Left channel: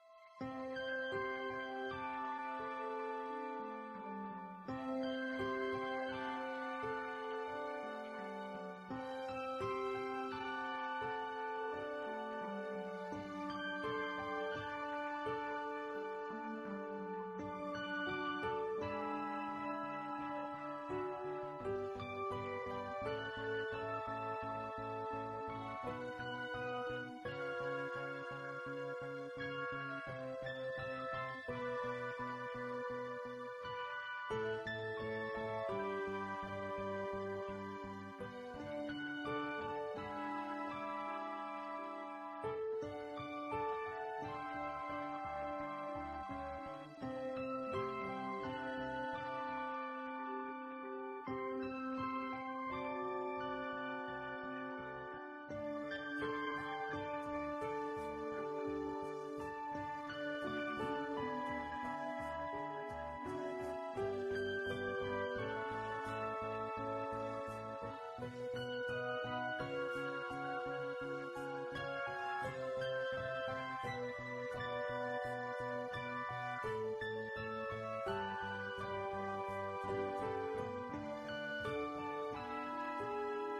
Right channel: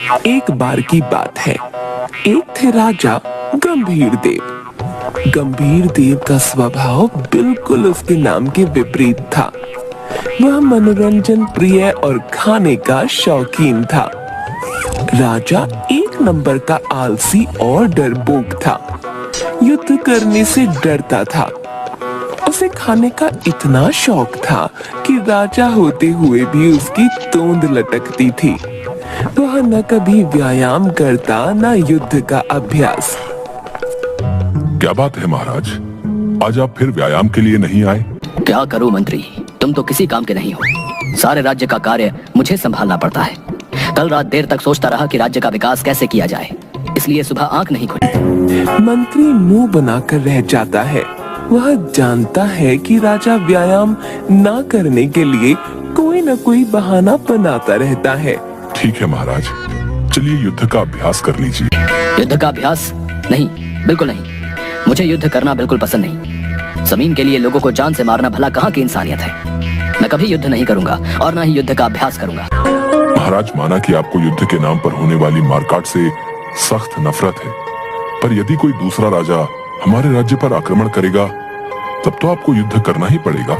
एक बार की बात है, एक थे राजा गंभीर देव। गंभीर देव का स्वभाव बिल्कुल उसके नाम के विपरीत था। वह मनोरंजन प्रिय और खाने का शौकीन था। राजा एक नंबर का आलसी और डरपोक था। युद्ध करने से डरता था। उसे खाने का इतना शौक था कि राजा होते हुए भी उसकी तोंद लटकती थी। वह न कभी व्यायाम करता न युद्ध का अभ्यास। क्या बात है महाराज, आज आप फिर व्यायाम के लिए नहीं आए? क्या करूं मंत्री, तुम तो किसी काम के नहीं हो। सारे राज्य का कार्य मुझे संभालना पड़ता है। कल रात देर तक सोचता रहा कि राज्य का विकास कैसे किया जाए, इसलिए सुबह आंख नहीं खुली। मंत्री मुंह बनाकर रह जाता है। वह जानता है कि राजा व्यायाम न करने के लिए कोई न कोई बहाना बनाता रहता है। ठीक है महाराज, चलिए युद्ध का अभ्यास कर लीजिए। युद्ध का अभ्यास? नहीं, बिल्कुल नहीं। मुझे युद्ध करना बिल्कुल पसंद नहीं। जमीन के लिए लोगों को जान से मारना भला कहाँ की इंसानियत है। मैं कभी युद्ध नहीं करूंगा और न ही युद्ध का अभ्यास करूंगा। महाराज, माना कि आपको युद्ध के नाम पर होने वाली मारकाट से सख्त नफरत है, पर यदि कोई दूसरा राजा हमारे राज्य पर आक्रमण करेगा तब तो आपको युद्ध करना ही पड़ेगा।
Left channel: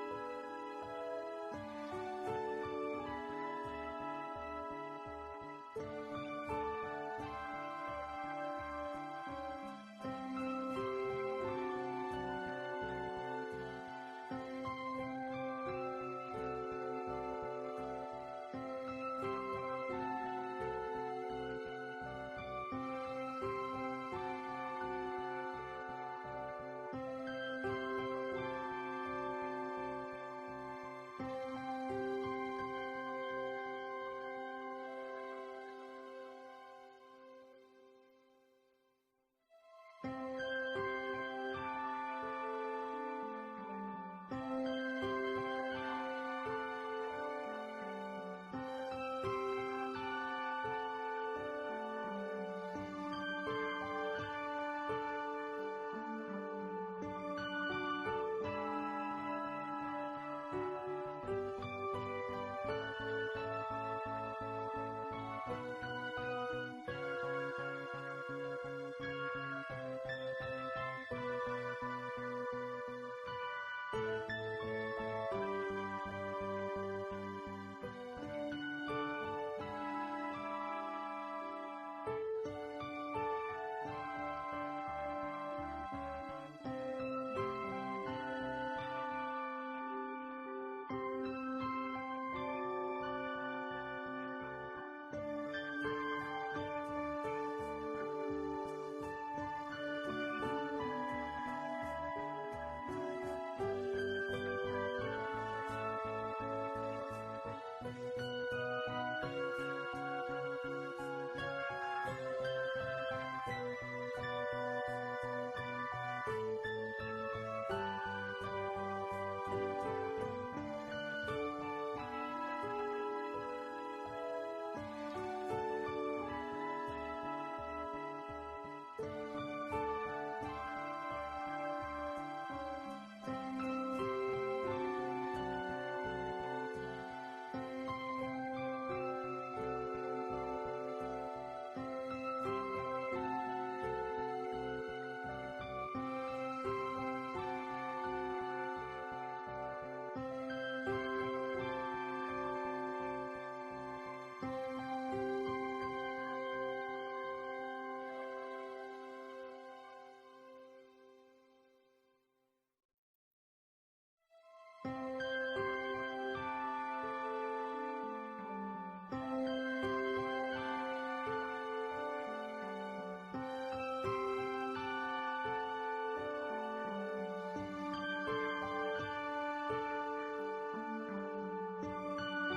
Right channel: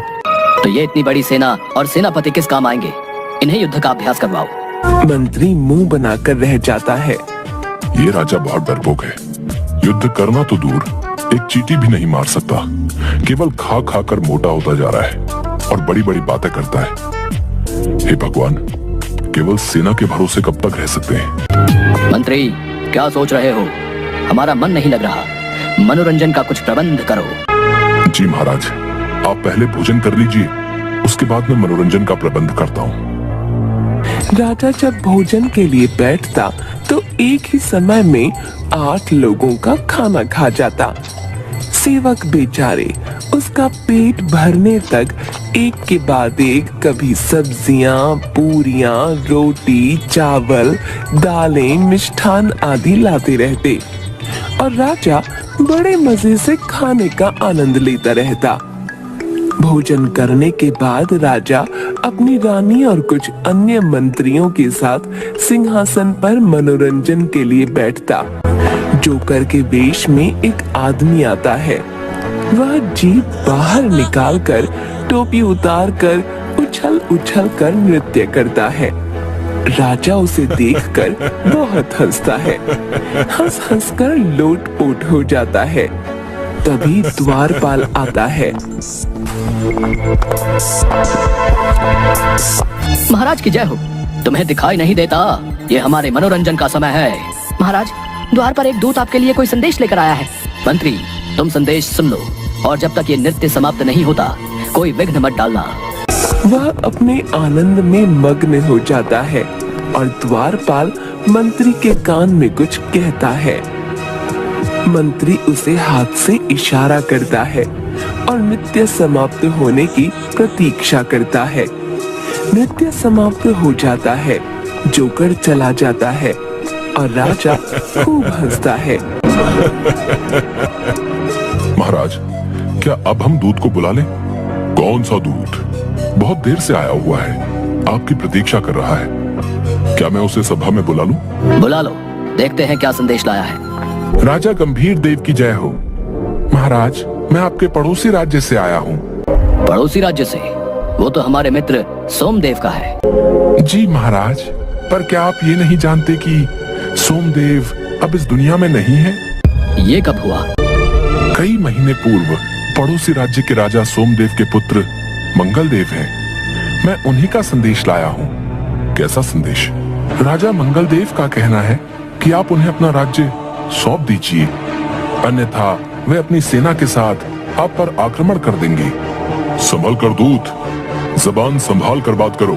तो ये इतनी बड़ी सेना और सेनापति किस काम आएंगे? इन्हें युद्ध का अभ्यास करवाओ। मंत्री मुंह बनाकर रह जाता है। ये राजा बहुत डरपोक है। युद्ध करना तो दूर, एक चींटी भी नहीं मार सकता। केवल खा खा कर मोटा होता जा रहा है और बड़ी बड़ी बातें करता है। हे भगवान, केवल सेना के भरोसे कब तक रह सकते हैं? मंत्री, क्या सोच रहे हो? हमारा मन नहीं लग रहा। मनोरंजन का कुछ प्रबंध करो। जी महाराज, आप पहले भोजन कर लीजिए, उसके बाद मैं मनोरंजन का प्रबंध करता हूँ। राजा जब भोजन के लिए बैठता तो एक ही समय में 8 लोगों का खाना खा जाता। सेवक बेचारे उसका पेट भरने तक एक के बाद एक कभी सब्जियां, पूरियां, रोटी, चावल, दालें, मिष्ठान आदि लाते रहते और राजा बड़े मजे से खाने का आनंद लेता रहता। भोजन करने के बाद राजा अपनी रानी और कुछ अन्य मंत्रियों के साथ सिंहासन पर मनोरंजन के लिए बैठता। जोकर के वेश में एक आदमी आता है। वह जीभ बाहर निकालकर टोपी उतारकर उछल उछल कर नृत्य करता है। राजा उसे देखकर बहुत हंसता है। हंस हंस कर लोटपोट हो जाता है। तभी द्वारपाल आता है। महाराज की जय हो। तुम्हें दिखाई नहीं देता? ये हमारे मनोरंजन का समय है। महाराज, द्वार पर एक दूत आपके लिए कोई संदेश लेकर आया है। मंत्री, तुम संदेश सुन लो और जब तक ये नृत्य समाप्त नहीं होता कोई विघ्न मत डालना। वह अपने आनंद में मग्न हो जाता है और द्वारपाल मंत्री के कान में कुछ कहता है। मंत्री उसे हाथ से इशारा करता है और नृत्य समाप्त होने की प्रतीक्षा करता है। नृत्य समाप्त हो जाता है, जोकर चला जाता है और राजा खूब हंसता है। महाराज, क्या अब हम दूत को बुला लें? कौन सा दूत? बहुत देर से आया हुआ है, आपकी प्रतीक्षा कर रहा है। क्या मैं उसे सभा में बुला लूं? बुला लो, देखते हैं क्या संदेश लाया है। राजा गंभीर देव की जय हो। महाराज, मैं आपके पड़ोसी राज्य से आया हूँ। पड़ोसी राज्य से? वो तो हमारे मित्र सोमदेव का है। जी महाराज, पर क्या आप ये नहीं जानते कि सोमदेव अब इस दुनिया में नहीं है? ये कब हुआ? कई महीने पूर्व पड़ोसी राज्य के राजा सोमदेव के पुत्र मंगलदेव हैं। मैं उन्हीं का संदेश लाया हूँ। कैसा संदेश? राजा मंगलदेव का कहना है कि आप उन्हें अपना राज्य सौंप दीजिए, अन्यथा वे अपनी सेना के साथ आप पर आक्रमण कर देंगे। संभल कर दूत, जबान संभाल कर बात करो।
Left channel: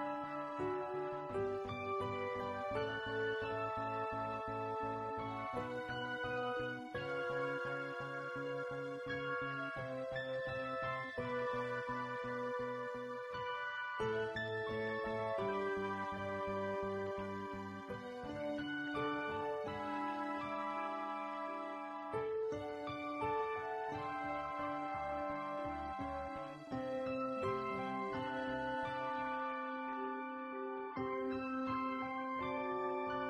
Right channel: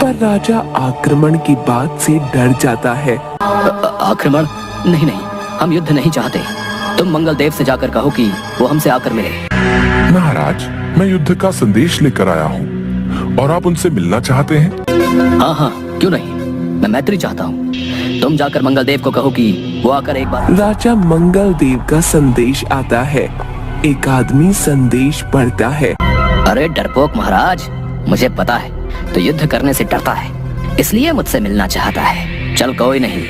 पर राजा आक्रमण की बात से डर जाता है। आक्रमण? नहीं नहीं, हम युद्ध नहीं चाहते। तुम मंगलदेव से जाकर कहो कि वो हमसे आकर मिले। महाराज, मैं युद्ध का संदेश लेकर आया हूँ और आप उनसे मिलना चाहते हैं? हाँ हाँ, क्यों नहीं, मैं मैत्री चाहता हूँ। तुम जाकर मंगलदेव को कहो कि वो आकर एक बार। राजा मंगलदेव का संदेश आता है। एक आदमी संदेश पढ़ता है। अरे डरपोक महाराज, मुझे पता है तो युद्ध करने से डरता है। इसलिए मुझसे मिलना चाहता है। चल कोई नहीं,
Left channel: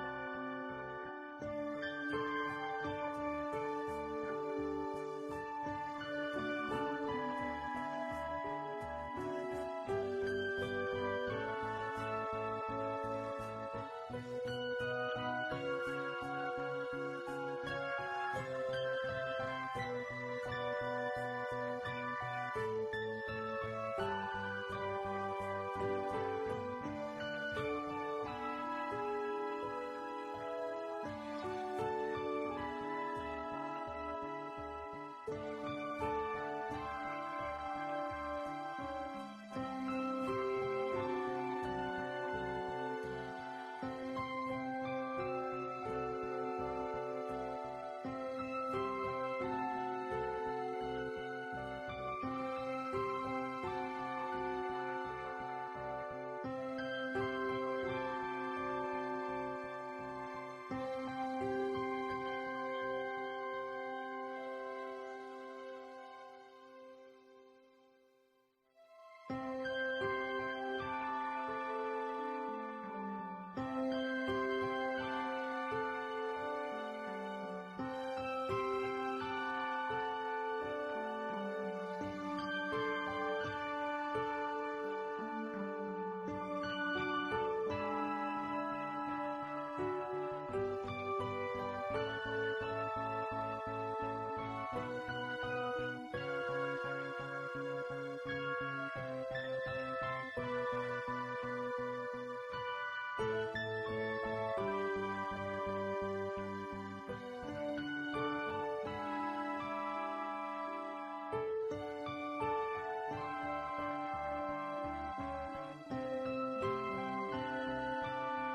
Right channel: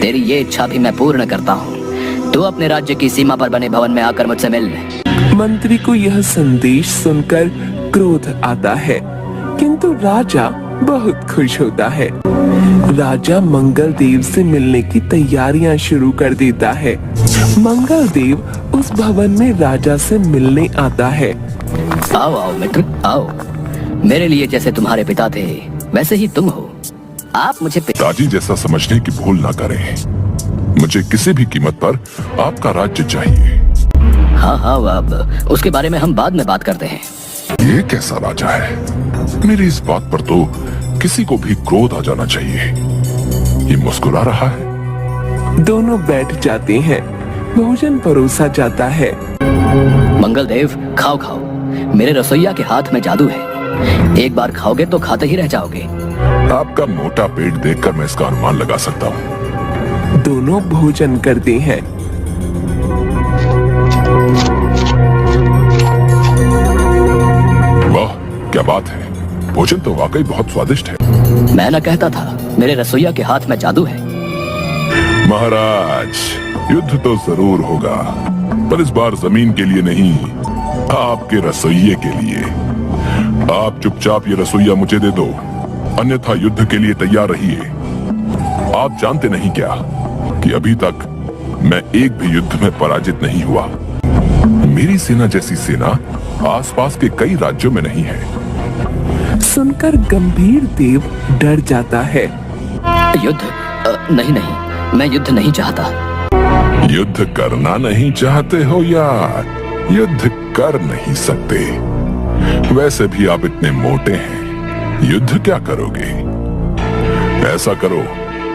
तेरी ये इच्छा भी मैं पूर्ण करता हूँ। तू अपने राज्य की सीमा पर बने भवन में आकर मुझसे मिल। मंत्री को यह संदेश सुनकर क्रोध आता है, किंतु राजा बहुत खुश होता है। राजा मंगल देव से मिलने की तैयारियां शुरू कर देता है। मंगल देव उस भवन में राजा से मिलने आता है। आओ आओ मित्र, आओ। मेरे लिए जैसे तुम्हारे पिता थे वैसे ही तुम हो। आप मुझे पिताजी जैसा समझने की भूल ना करें। मुझे किसी भी कीमत पर आपका राज्य चाहिए। हाँ हाँ, अब उसके बारे में हम बाद में बात करते हैं। ये कैसा राजा है? मेरी इस बात पर तो किसी को भी क्रोध आ जाना चाहिए। ये मुस्कुरा रहा है। दोनों बैठ जाते हैं। भोजन परोसा जाता है। मंगल देव, खाओ खाओ। मेरे रसोइया के हाथ में जादू है। एक बार खाओगे तो खाते ही रह जाओगे। आपका मोटा पेट देखकर मैं इसका अनुमान लगा सकता हूँ। दोनों भोजन करते हैं। वाह, क्या बात है। भोजन तो वाकई बहुत स्वादिष्ट है। मैं न कहता था मेरे रसोइया के हाथ में जादू है। महाराज, युद्ध तो जरूर होगा, पर इस बार जमीन के लिए नहीं, आपके रसोइये के लिए। आप चुपचाप ये रसोइया मुझे दे दो, अन्यथा युद्ध के लिए तैयार रहिए। आप जानते नहीं क्या कि अभी तक मैं एक भी युद्ध में पराजित नहीं हुआ। मेरी सेना जैसी सेना आसपास के कई राज्यों में नहीं है। सुनकर गंभीर देव डर जाता है। युद्ध? नहीं नहीं, मैं युद्ध नहीं चाहता। युद्ध करना नहीं चाहते हो या युद्ध कर नहीं सकते? वैसे भी आप इतने मोटे हैं, युद्ध क्या करोगे? ऐसा करो,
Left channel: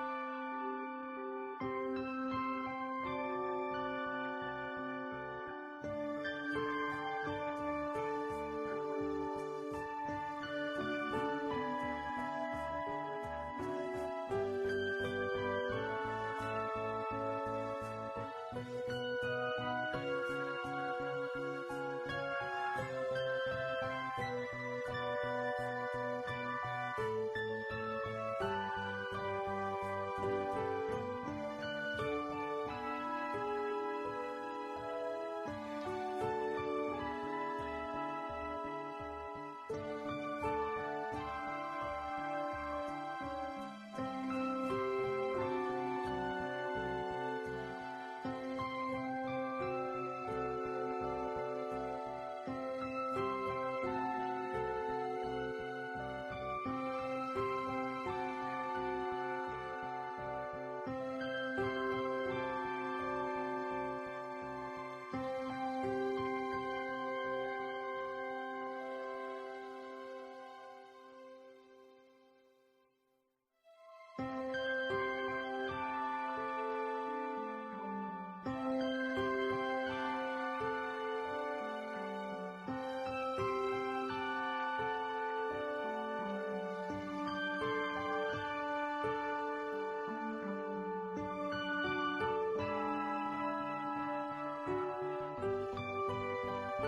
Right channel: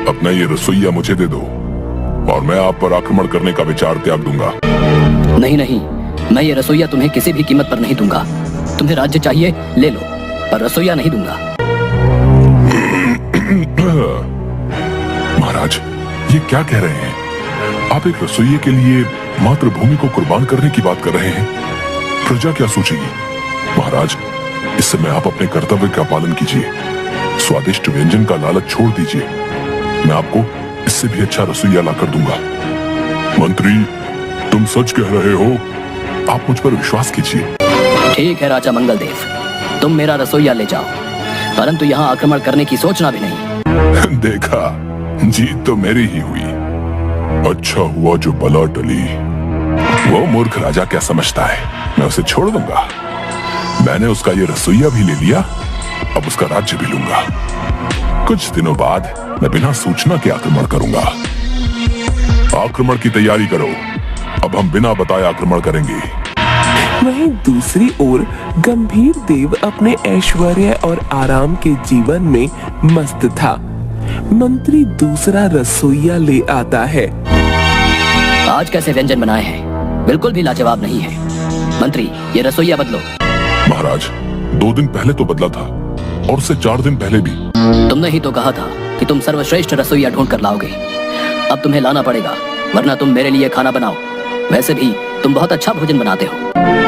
अपना ये रसोइया मुझे दे दो और मैं आप पर आक्रमण करने का विचार त्याग दूंगा। नहीं नहीं, मैं ये रसोइया तुम्हें किसी भी कीमत पर नहीं दूंगा। तुम्हें राज्य चाहिए ले लो, पर रसोइया नहीं दूंगा। महाराज, ये क्या कह रहे हैं? आप एक रसोइये के लिए मातृभूमि को कुर्बान करने की बात कर रहे हैं। प्रजा क्या सोचेगी? महाराज, इस समय आप अपने कर्तव्य का पालन कीजिए। स्वादिष्ट व्यंजन का लालच छोड़ दीजिए। मैं आपको इससे भी अच्छा रसोइया लाकर दूंगा। मंत्री, तुम सच कह रहे हो? आप मुझ पर विश्वास कीजिए। ठीक है राजा मंगल देव, तुम मेरा रसोइया ले जाओ, परंतु यहाँ आक्रमण करने की सोचना भी नहीं। देखा, जीत तो मेरी ही हुई। अच्छा हुआ जो बला टली। वो मूर्ख राजा क्या समझता है, मैं उसे छोड़ दूंगा। मैंने उसका ये रसोइया भी ले लिया, अब उसका राज्य भी लूंगा। कुछ दिनों बाद मैं बिना सूचना के आक्रमण करूंगा। आक्रमण की तैयारी करो, अब हम बिना बताए आक्रमण करेंगे। वहीं दूसरी ओर गंभीर देव अपने ऐश्वर्य और आराम के जीवन में मस्त था। मंत्री दूसरा रसोइया ले आता है। आज कैसे व्यंजन बनाए हैं, बिल्कुल भी लाजवाब नहीं है। मंत्री, ये रसोइया बदलो। महाराज, 2 दिन पहले तो बदला था और उससे 4 दिन पहले भी। तुमने ही तो कहा था कि तुम सर्वश्रेष्ठ रसोइया ढूंढ कर लाओगे। अब तुम्हें लाना पड़ेगा, वरना तुम मेरे लिए खाना बनाओ। वैसे भी तुम बहुत अच्छा भोजन बनाते हो।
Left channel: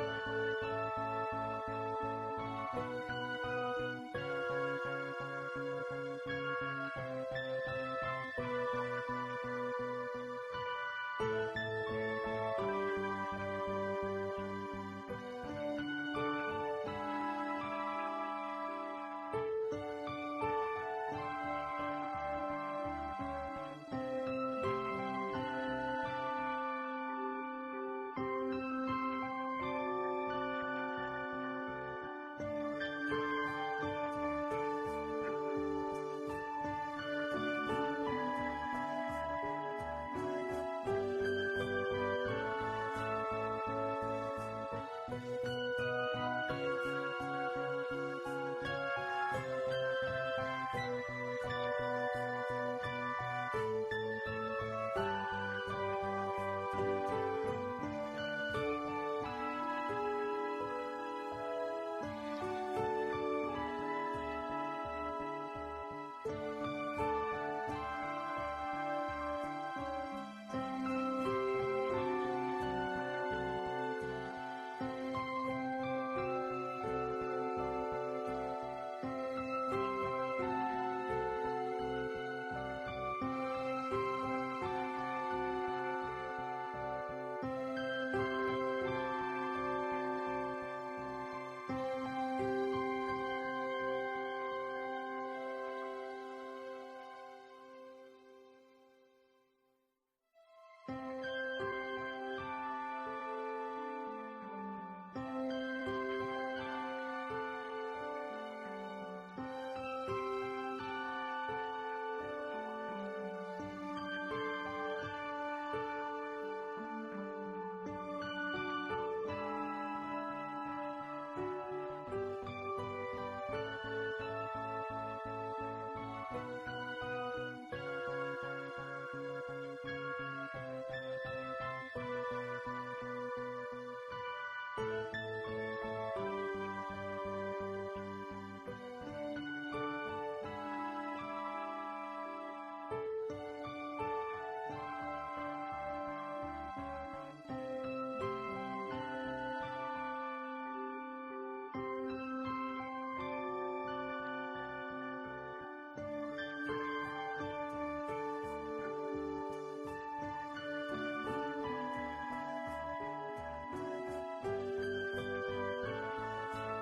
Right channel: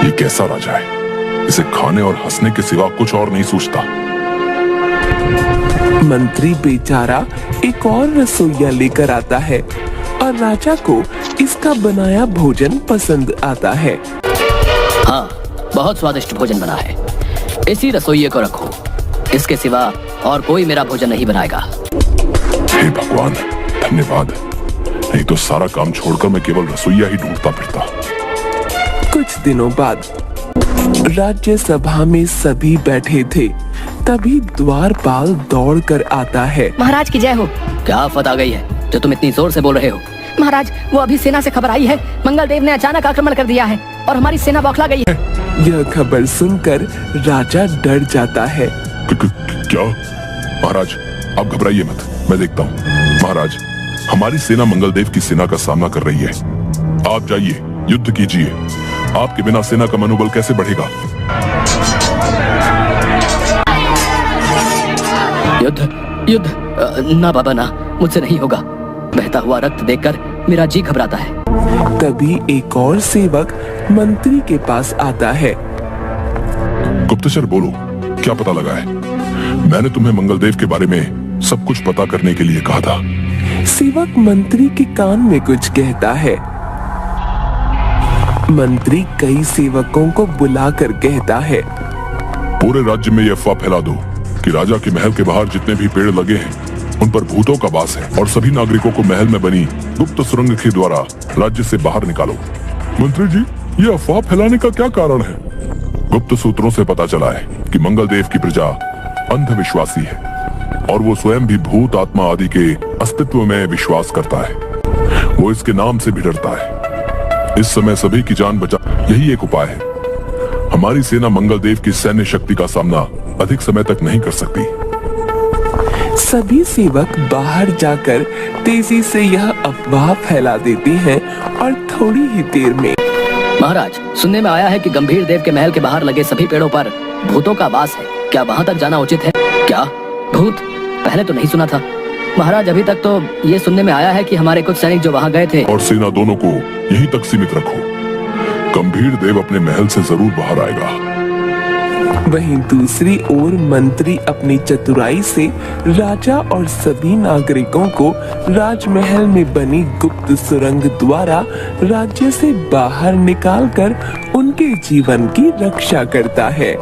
ये कैसा राजा है, इसे खाने और हंसने के सिवा कुछ और नहीं सोचता। मंत्री बेचारा एक और रसोइया लेकर आता है और राजा को इसका बनाया भोजन पसंद आता है। हाँ, बहुत स्वादिष्ट भोजन बना है। इसी रसोइये को रखो, इसके सिवा और कोई मेरा भोजन नहीं बनाएगा। हे भगवान, धन्यवाद। नहीं तो सारा काम छोड़कर मैं केवल रसोइया ही ढूंढता फिरता। कुछ दिनों बाद राज्य सभा में सभी बैठे थे, तभी द्वारपाल दौड़ कर आता है। महाराज की जय हो। क्या आफत आ गई है जो तुम इतनी जोर से बोल रहे हो? महाराज, वो अभी सेना से खबर आई है, मंगल देव ने अचानक आक्रमण कर दिया है और हमारी सेना बौखला गई है। यह खबर सुनकर राजा डर जाता है। क्या? महाराज, आप घबराइए मत, मैं देखता हूँ। महाराज, हमारी सेना मंगल देव की सेना का सामना कर रही है। आप जाइए, युद्ध कीजिए। आपके बिना सेना का मनोबल कैसे बढ़ेगा? युद्ध? युद्ध? ना बाबा ना, मुझसे नहीं होगा। बहता हुआ रक्त देखकर मेरा जी घबराता है। तभी एक और सेवक मंत्री के पास आता है। गुप्तचर बोलो, क्या पता लगा है? मैंने तुम्हें मंगल देव के बारे में सब कुछ पता करने के लिए कहा था। सेवक मंत्री के कान में कुछ कहता है। मंत्री कई सेवकों को बुलाकर कहता है, पूरे राज्य में यह अफवाह फैला दो कि राजा के महल के बाहर जितने भी पेड़ लगे हैं उन पर भूतों का वास है, और सभी नागरिकों को महल में बनी गुप्त सुरंग के द्वारा राज्य से बाहर निकालो। मंत्री जी, ये अफवाह फैलाने का क्या कारण है? गुप्त सूत्रों से पता चला है कि मंगल देव की प्रजा अंधविश्वासी है और वो स्वयं भी भूत आत्मा आदि के अस्तित्व में विश्वास करता है। वो इसके नाम से भी डरता है। इस समय सभी की जान बचा यही एक उपाय है। हमारी सेना मंगल देव की सैन्य शक्ति का सामना अधिक समय तक नहीं कर सकती। सभी सेवक बाहर जाकर तेजी से यह अफवाह फैला देते हैं और थोड़ी ही देर में महाराज, सुनने में आया है कि गंभीर देव के महल के बाहर लगे सभी पेड़ों पर भूतों का वास है। क्या वहाँ तक जाना उचित है? क्या भूत? पहले तो नहीं सुना था महाराज। अभी तक तो ये सुनने में आया है कि हमारे कुछ सैनिक जो वहाँ गए थे। और सेना दोनों को यहीं तक सीमित रखो। गंभीर देव अपने महल से जरूर बाहर आएगा। वहीं दूसरी ओर मंत्री अपनी चतुराई से राजा और सभी नागरिकों को राजमहल में बनी गुप्त सुरंग द्वारा राज्य से बाहर निकालकर उनके जीवन की रक्षा करता है।